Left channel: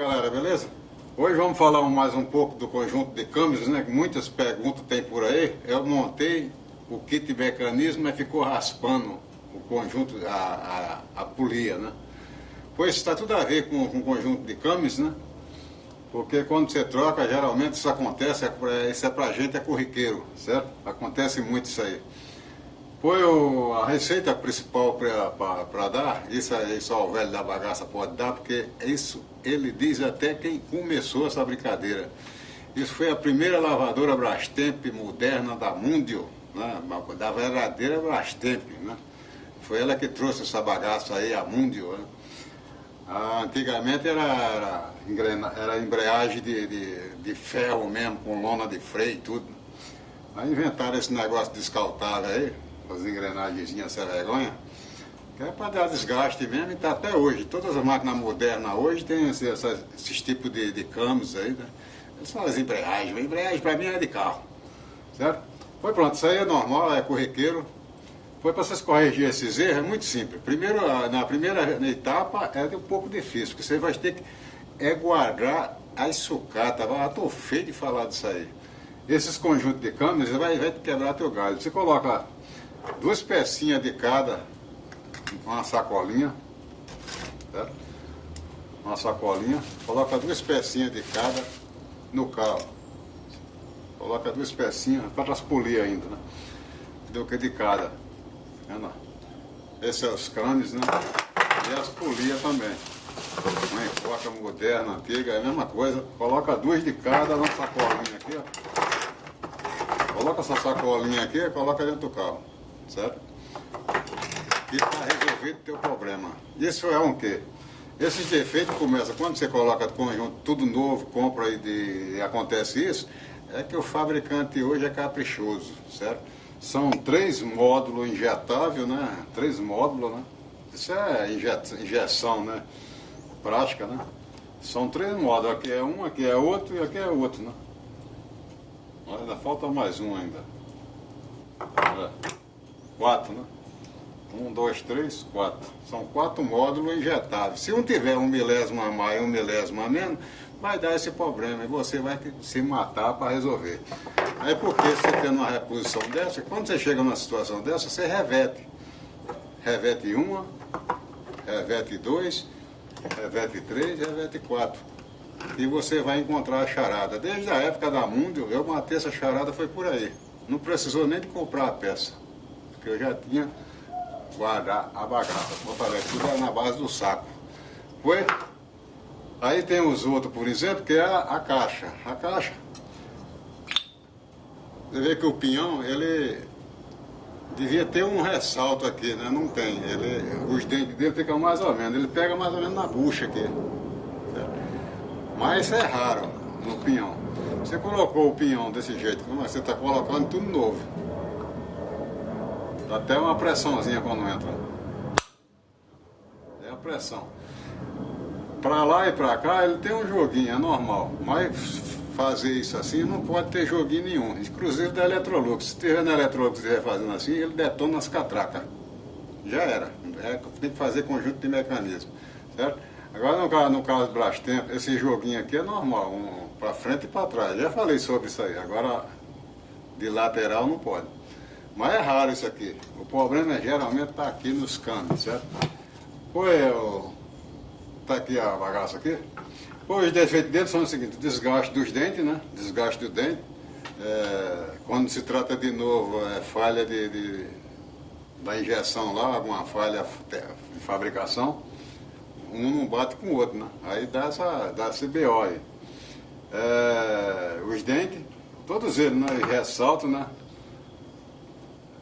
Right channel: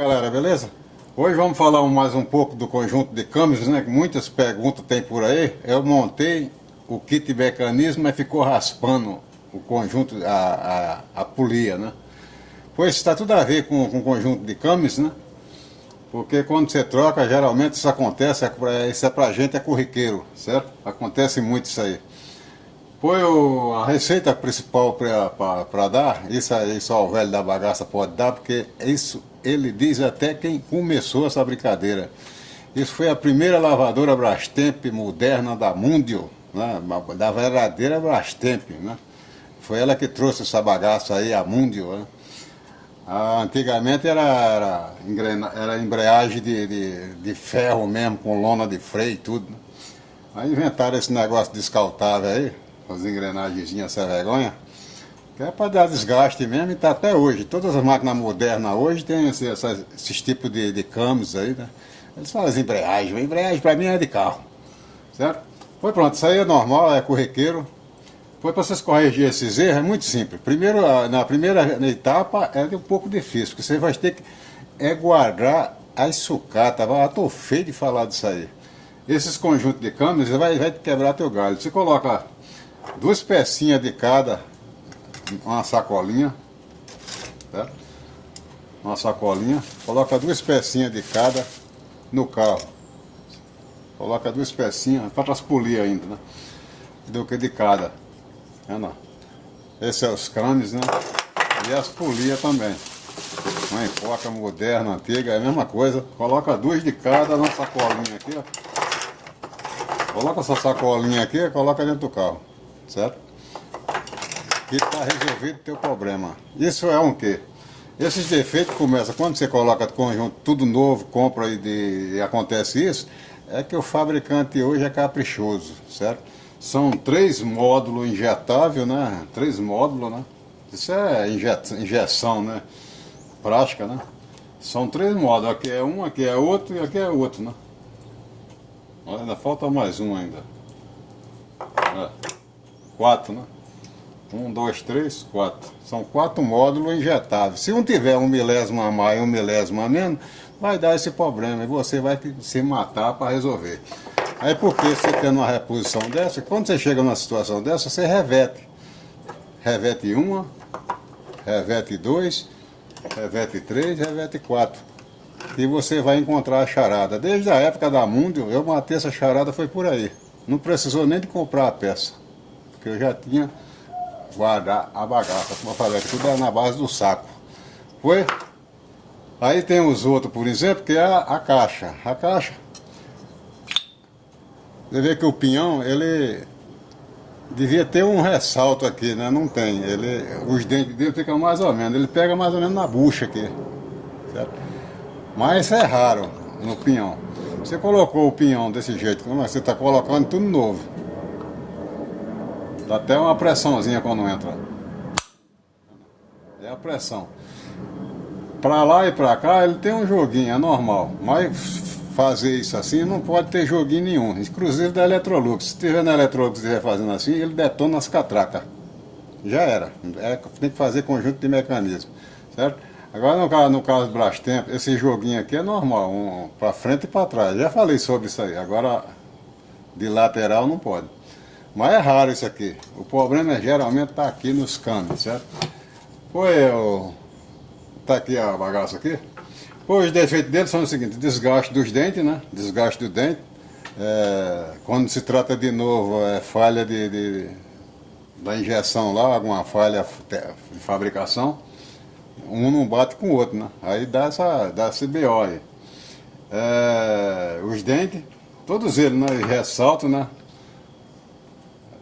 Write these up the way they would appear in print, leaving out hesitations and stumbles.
Galera, beleza? Hoje vamos falar mais um pouco do conjunto de câmeras, né? Que muitas perguntas tem por aí. Eu montei o kit mecanismo, mas ficou raspando o conjunto, a polia, né? Pois está tudo a ver com o conjunto de câmeras, né? Porque quando você troca, geralmente isso acontece, isso é pra gente, é corriqueiro, certo? Acontece muito isso aí. Foi a receita principal para dar, isso aí só o velho da bagaça pode dar, porque isso ele diz até quem começou essa brincadeira. Isso foi a primeira lavadora Brastemp moderna da Mundio, né? Da verdadeira Brastemp, né? Foi ela que trouxe essa bagaça aí, a Mundio, né? Antigamente era embreagem de ferro mesmo, com lona de freio e tudo, né? Aí inventaram esse negócio descaltável aí, as engrenagenzinhas sem vergonha, que é para dar desgaste mesmo, e tá até hoje. Todas as máquinas modernas hoje tem esses tipos de câmbios aí, né? Eles falam embreagem. A embreagem para mim é de carro, certo? Foi pronto, isso aí é normal, é corriqueiro. Foi para vocês corrigir esses erros, é muito simples. Primeiro, na primeira etapa é um pouco difícil, porque você vai ter que guardar as sucatas. Eu tô feio de falar disso aí. Esses conjuntos de câmbios vai quebrar teu galho. Você coloca duas pecinhas de cada, uma sacolinha, certo? Uma sacolinha, coloca duas pecinhas de cada no carro. Coloca duas pecinhas, para as polias ainda, né? Do que de cada. Esses são os câmbios, né? E as polias também. Não importa, moderna, antiga, é a mesma coisa. Coloca duas de cada na sacolinha aqui, ó. Coloca essa sacolinha aqui e coloca dentro do carro, certo? E está resolvido o teu problema. Isso é um quê? Esses defeitos começam, quando você coloca conjunto tudo novo, compra e acontece isso, é que o fabricante hoje é caprichoso, certo? São 3 módulos injetáveis, né? 3 módulos, né? Isso é injeção, né? Prática, né? São 3 módulos, aqui é um, aqui é outro e aqui é outro, né? Olha, ainda falta mais um ainda. 4, né? 1, 2, 3, 4. São 4 módulos injetáveis. Se um tiver 1 milésimo a mais e 1 milésimo a menos, vai dar esse problema e você vai se matar para resolver. Aí porque você tendo uma reposição dessa, quando você chega numa situação dessa, você revete. Revete 1, revete 2, revete 3, revete 4. E você vai encontrar a charada. Desde a época da Mundio, eu matei essa charada, foi por aí. Não precisou nem de comprar a peça, porque eu já tinha guardado a bagaça, como eu falei, tudo era na base do saco. Foi? Aí tem os outros, por exemplo, que é a caixa. A caixa, você vê que o pinhão, ele devia ter um ressalto aqui, né? Não tem. Os dentes dele ficam mais ou menos, ele pega mais ou menos na bucha aqui, certo? Mas é raro no pinhão. Você colocou o pinhão desse jeito, você está colocando tudo novo. Dá até uma pressãozinha quando entra. É a pressão. Para lá e para cá ele tem um joguinho, é normal. Mas fazer isso assim não pode ter joguinho nenhum. Inclusive da Electrolux. Se tiver na Electrolux e estiver fazendo assim, ele detona as catracas. Já era. Tem que fazer conjunto de mecanismo, certo? Agora no caso do Brastemp, esse joguinho aqui é normal, para frente e para trás. Já falei sobre isso aí. Agora de lateral não pode. Mas é raro isso aqui. O problema geralmente está aqui nos canos, certo? Tá aqui a bagaça aqui. Os defeitos dele são o seguinte: desgaste dos dentes, né? Desgaste do dente. Quando se trata de novo, falha da injeção lá, alguma falha de fabricação. Um não bate com o outro, né? Aí dá esse BO aí. Os dentes, todos eles, né? Eles ressaltam, né?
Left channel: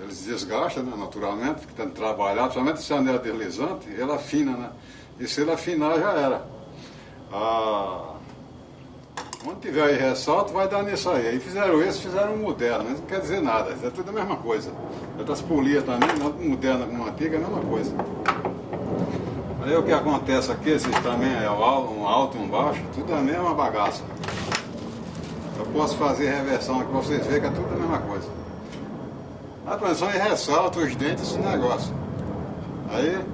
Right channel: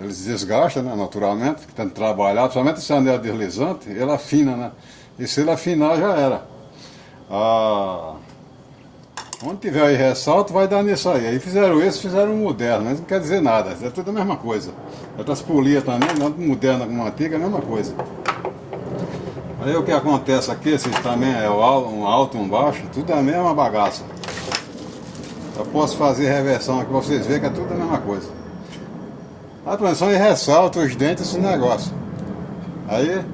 Eles desgastam, né? Naturalmente, que tem que trabalhar, principalmente esse anel deslizante, ele afina, né? E se ele afinar, já era. Onde tiver aí ressalto, vai dar nisso aí. Aí fizeram um moderno, mas não quer dizer nada, é tudo a mesma coisa. Outras polias também, tanto moderna como antiga, é a mesma coisa. Aí o que acontece aqui, esses também é um alto, um baixo, tudo é a mesma bagaça. Eu posso fazer reversão aqui pra vocês verem que é tudo a mesma coisa. A transmissão ressalta os dentes, esse negócio. Aí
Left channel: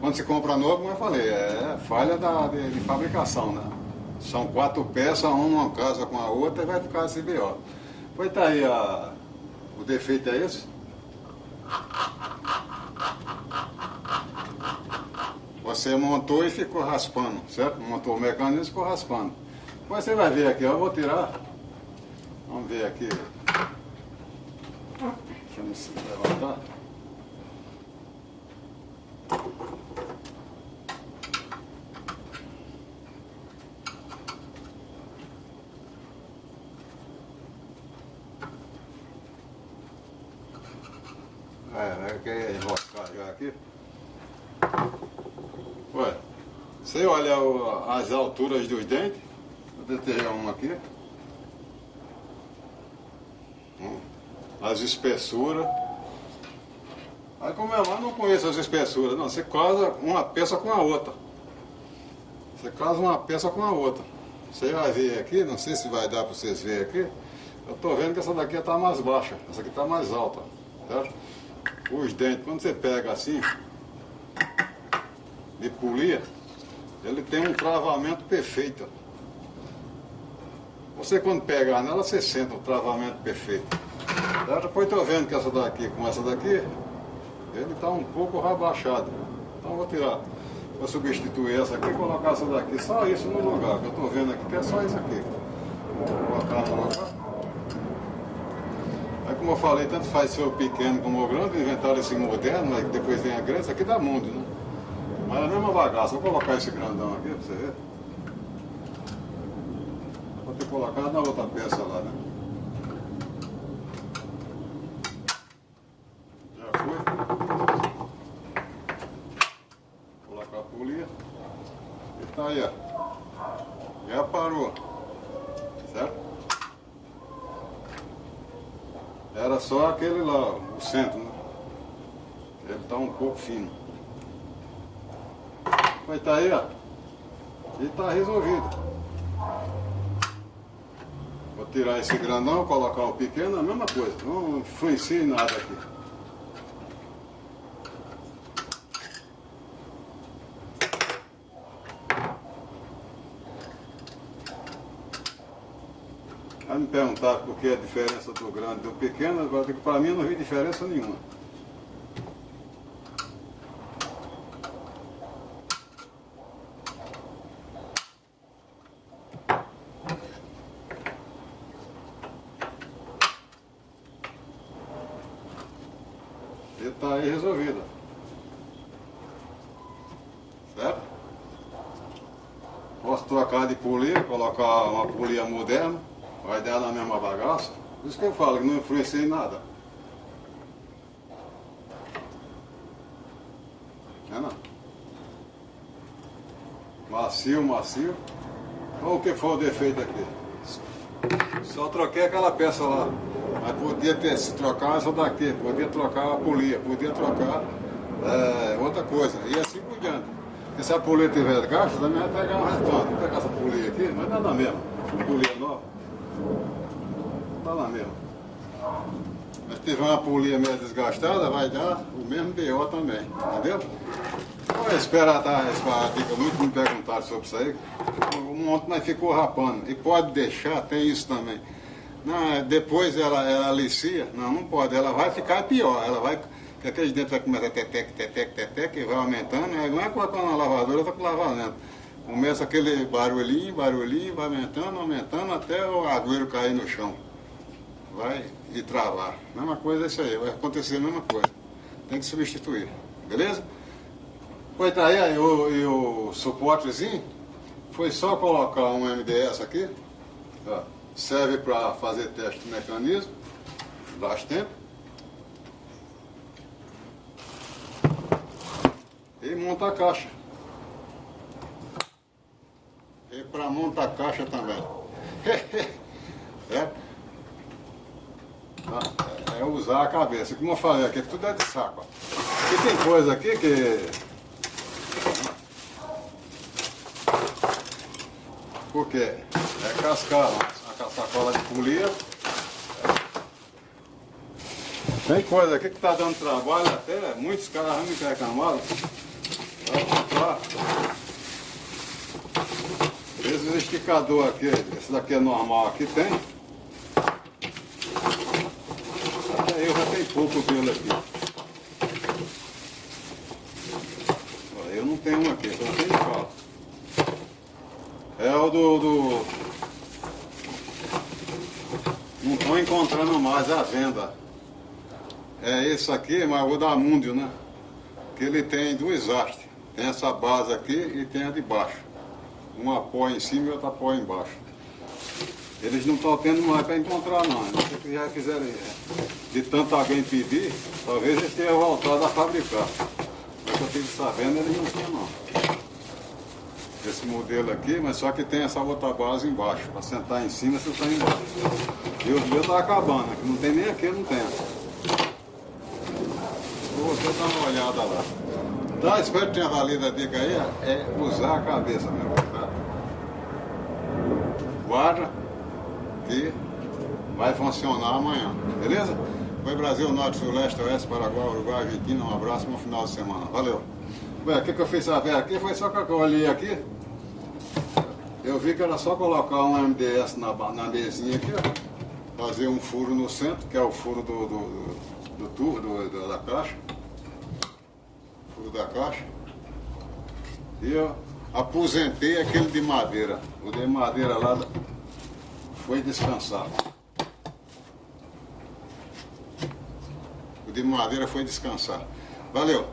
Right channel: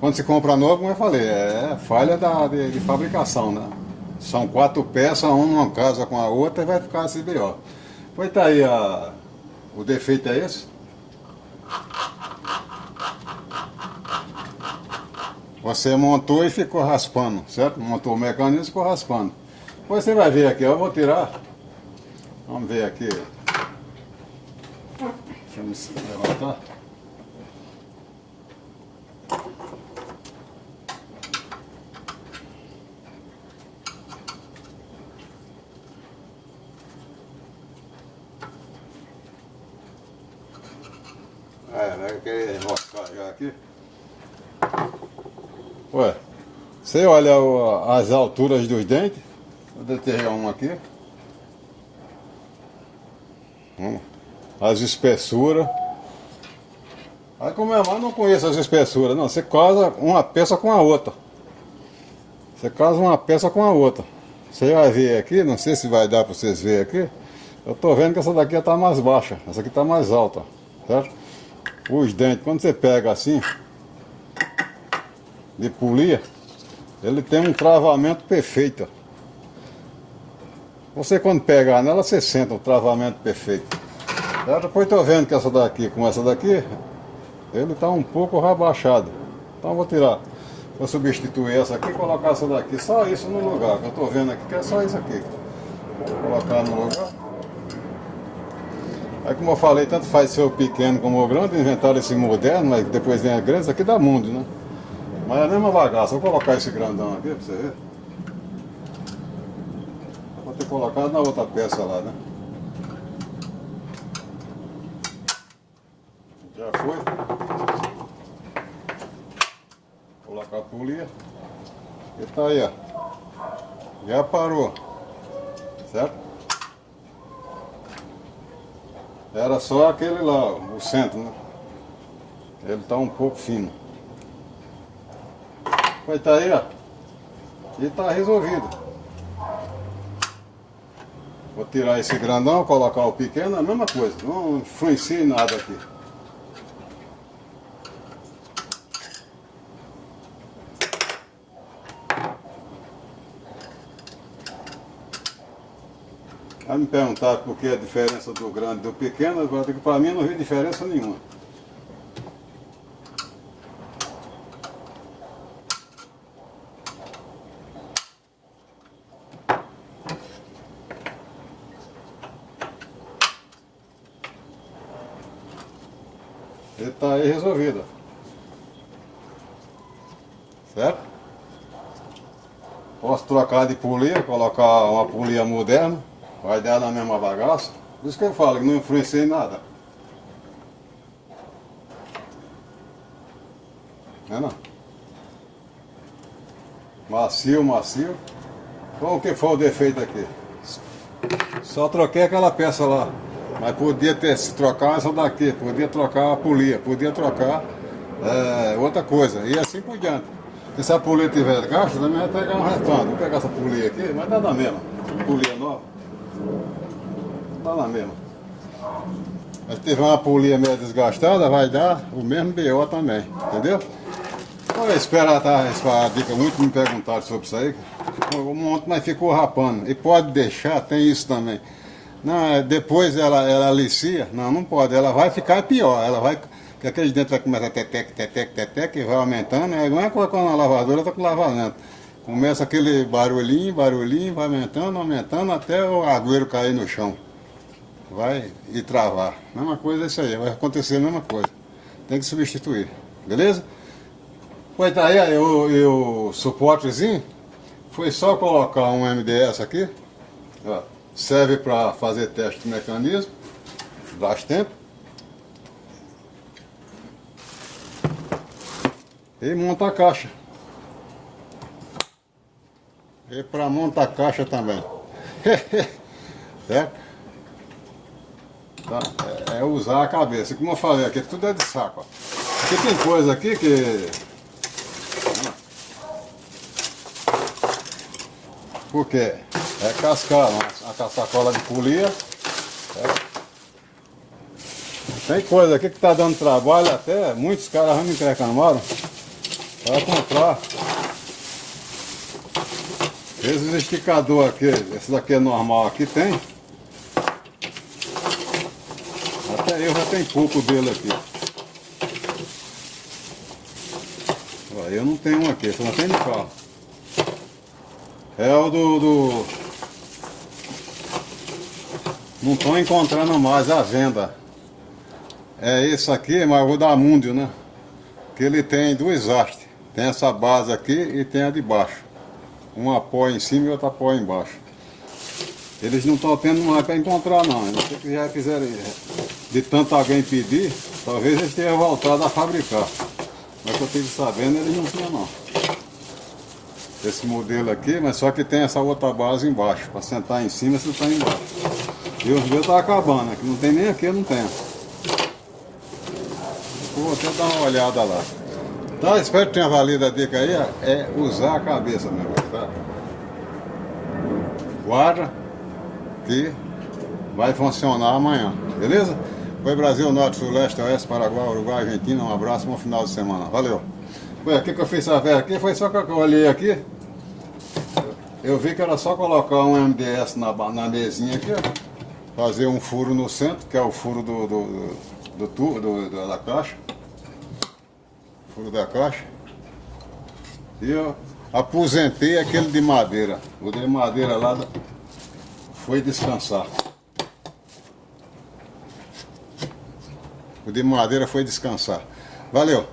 quando você compra novo, como eu falei, é falha de fabricação, né? São 4 peças, uma casa com a outra e vai ficar assim daí, ó. Pois tá aí, o defeito é esse. Você montou e ficou raspando, certo? Montou o mecanismo e ficou raspando. Depois você vai ver aqui, ó, eu vou tirar. Vamos ver aqui. Deixa eu me levantar. Vai querer enroscar já aqui. Ué, você olha as alturas dos dentes. Vou deterrar um aqui. As espessuras. Aí como é, mas não conheço as espessuras, não. Você casa uma peça com a outra. Você casa uma peça com a outra. Você vai ver aqui, não sei se vai dar para vocês verem aqui. Eu tô vendo que essa daqui está mais baixa, essa aqui está mais alta, certo? Os dentes, quando você pega assim, de polia, ele tem um travamento perfeito. Você quando pegar nela, você sente o travamento perfeito. Depois estou vendo que essa daqui, com essa daqui, ele está um pouco rebaixado. Então eu vou tirar, vou substituir essa aqui e colocar essa daqui, só isso no lugar. Eu estou vendo aqui que é só isso aqui. Vou colocar no lugar. Aí como eu falei, tanto faz ser o pequeno como o grande, inventaram esse moderno, mas depois vem a grande, isso aqui dá mundo, né? Mas é a mesma bagaça, vou colocar esse grandão aqui pra você ver. Vou ter colocado na outra peça lá, né? Já foi. Vou colocar a polia. E tá aí, ó. Já parou. Certo? Era só aquele lá, o centro, né? Ele tá um pouco fino. Vai tá aí, ó. E tá resolvido. Vou tirar esse grandão, colocar o pequeno, a mesma coisa. Não influencia nada aqui. Vai me perguntar por que a diferença do grande e do pequeno, para mim não vi diferença nenhuma. Ele está aí resolvido. Certo? Posso trocar de polia, colocar uma polia moderna. Vai dar na mesma bagaça. Por isso que eu falo que não influencia em nada. É não? Macio, macio. Então o que foi o defeito aqui? Só troquei aquela peça lá. Mas podia ter se trocar essa daqui, podia trocar a polia, podia trocar outra coisa. E assim por diante. E se a polia tiver caixa, também vai pegar um restante. Vou pegar essa polia aqui, mas dá na mesma. Uma polia nova. Tá lá mesmo. Mas se tiver uma polia meio desgastada, vai dar o mesmo BO também, entendeu? Olha, espera, tá? Essa dica, muito me perguntaram sobre isso aí. Um monte, mas ficou rapando. E pode deixar, tem isso também. Não, depois ela alicia, não pode, ela vai ficar pior. Ela vai, que aqueles dentes vai começar a tec, e vai aumentando. É igual colocar uma lavadora, tá com lavamento. Começa aquele barulhinho, vai aumentando até o agüeiro cair no chão. Vai e travar. Mesma coisa é isso aí, vai acontecer a mesma coisa. Tem que substituir, beleza? Pois tá aí, o suportezinho, foi só colocar um MDS aqui, ó, serve para fazer teste de mecanismo, bastante. E monta a caixa. E para montar a caixa também. Certo? Tá? É usar a cabeça. Como eu falei aqui, tudo é de saco. Aqui tem coisa aqui que... Porque é cascar, a sacola de polia. Tem coisa aqui que tá dando trabalho até, muitos caras já me reclamaram. Para comprar. Esses esticadores aqui, esse daqui é normal, aqui tem. Até eu já tenho pouco dele aqui. Eu não tenho um aqui, só tem de carro. É o não estou encontrando mais a venda. É isso aqui, mas eu vou dar múndio, né? Que ele tem duas hastes. Tem essa base aqui e tem a de baixo. Um apoio em cima e outro apoio embaixo. Eles não estão tendo mais para encontrar não. Não sei que já fizeram de tanto alguém pedir, talvez eles tenham voltado a fabricar. Mas que eu fiquei sabendo, eles não tinham não. Esse modelo aqui, mas só que tem essa outra base embaixo. Para sentar em cima, você está embaixo. E os meus estão acabando, aqui não tem nem aqui, não tem. Vou até dar uma olhada lá. Tá, espero que tenha valido a dica aí, é usar a cabeça mesmo, tá? Guarda que vai funcionar amanhã, beleza? Foi Brasil, Norte, Sul, Leste, Oeste, Paraguai, Uruguai, Argentina, um abraço, bom final de semana, valeu! Ué, o que eu fiz essa aqui foi só que eu olhei aqui, eu vi que era só colocar um MDS na mesinha aqui, ó, fazer um furo no centro, que é o furo do tubo, da caixa, furo da caixa, e eu aposentei aquele de madeira, o de madeira lá foi descansar. O de madeira foi descansar. Valeu!